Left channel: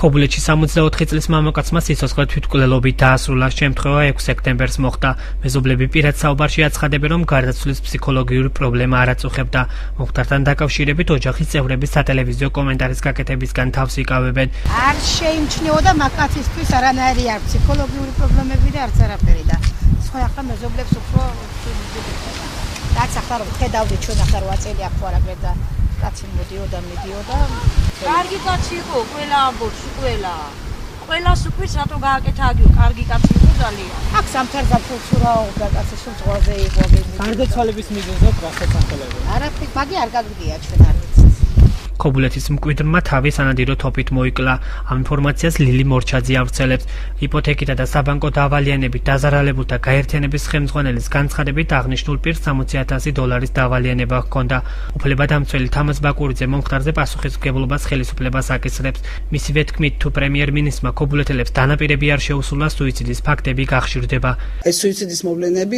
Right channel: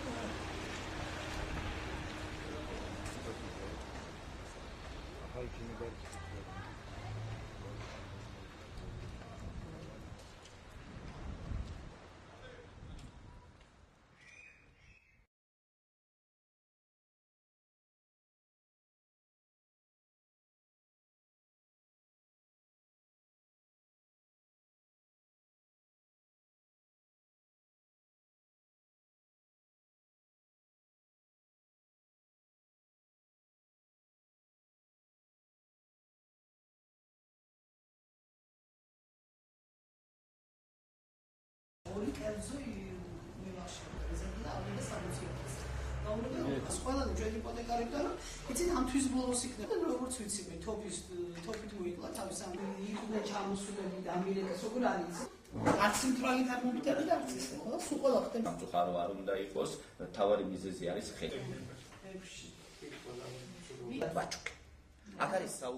ქობულეთში 64 წლის მამაკაცმა სიცოცხლე თვითმკვლელობით დაასრულა. შემთხვევა 6 სექტემბერს მოხდა. მეზობლები პირად საუბარში აცხადებენ, რომ გარდაცვლის ფსიქოლოგიური პრობლემა არ აწუხებდა. მომხდართან დაკავშირებით ოჯახის წევრები სატელევიზიო კომენტარის გაკეთებისგან თავს იკავებენ. არ შეიმჩნეოდა მაკაცისთვის არანაირი არ ფსიქოლოგიური პრობლემები და არც არაფერი და სხვა ახლა მეზობლებს უფრო რაც ახლა რომ ხედავდით ჩვენ ახლა 8 წელი აქ ვარ აგრე და კაცი მოდიოდა კარგი კაცი იყო ყველა ამბობს ყველას უყვირს რატო გააკეთა აგიო კარგი კაცი იყო ძალიან აქ სამთარგა ფულსურაობდა კაცი სულ ზღვაზე იყო გარდაცვალების მიზეზად რასაც ახლებენ არაფერი მაგი არ გაგდია ჩვენ არ ვიცით ქობულეთის მკვიდრმა თავი სანადირო თოფით მოიკლა. ამ ინფორმაციას ლილი მორჩაძე ავრცელებს. იპოთეკითა და საბანკო დავალიანებით დაზარალებულთა გაერთიანების ხელმძღვანელის განცხადებით აღნიშნულ პირს $60,000 დავალიანება ჰქონდა. უფლებადამცველი თამაზ ბაკურიძე მომხდარზე პასუხისმგებლობას ხელისუფლებას აკისრებს. მისივე თქმით, თუ პრემიერ-მინისტრმა ქობულეთელებს დანაპირები არ შეუსულა, სუიციდის ფაქტები გახშირდება. ეს სუიციდის მოვლენები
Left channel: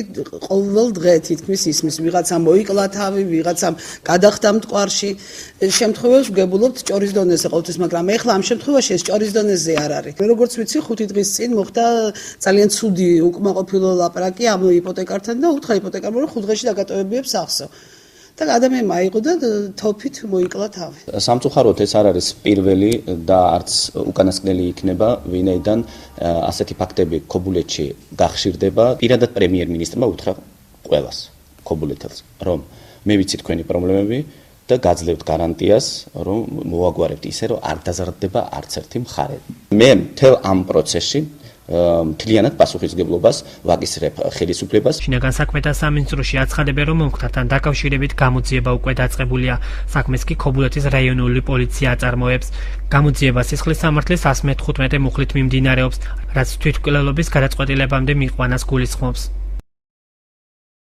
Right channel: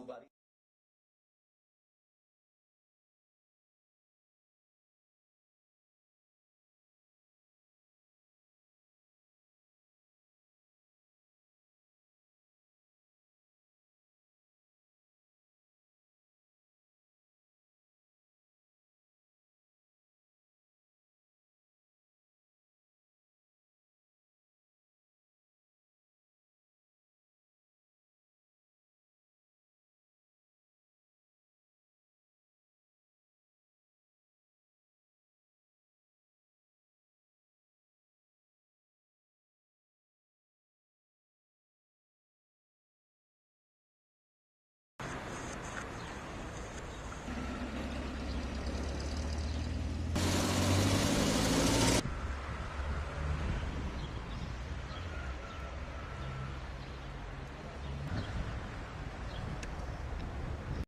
ყოველ დღე თითქმის ისმის. ვიღაცამ მოიკლა თავი, ვიღაცამ გადახდა მტკვარში. შემთხვევაში ვგებულობთ ჭორის დონეზე ყოველთვის, მაგრამ ეხლა ამ შემთხვევაში ეს ჭორის დონეზე არ არის. როგორც ვიცი, 5 დღის წინ მოხდა ძალიან ცუდი უკმაყოფილო ლაპარაკი ამ იპოტეკართან და უთხრა იპოტეკარმა, რომ 5 დღეში დაგატოვებიებს სახსო. და ადამიანმა აიღო და თოფით მოიკლა თავი. სამწუხაროდ ეს არ არის პირველი და არც უკანასკნელი იქნება, ვინაიდან ასეთი ფაქტები ქობულეთში გახშირდება. პირადად პრემიერ-მინისტრმა უთხრა ყველას ქობულეთელს, რომ მე ვიცი თქვენი პრობლემები და გაძლევთ გარანტიას, რომ მოვაგვარებთ ისე, რომ არ დაზარალდება არც ერთი მხარე. მე მთელ ამ პროცესში მთლიანად პასუხისმგებლობას ვაკისრებ ხელისუფლებას. შინაგან საქმეთა სამინისტროში აცხადებენ, რომ მომხდართან დაკავშირებით გამოძიება უკვე დაწყებულია. საქმეს კი ქობულეთის რაიონული პოლიცია აწარმოებს. გამოძიება სისხლის სამართლის 115 მუხლით მიმდინარეობს, რაც თვითმკვლელობის გადაწყვეტილებამდე მიყვანას გულისხმობს.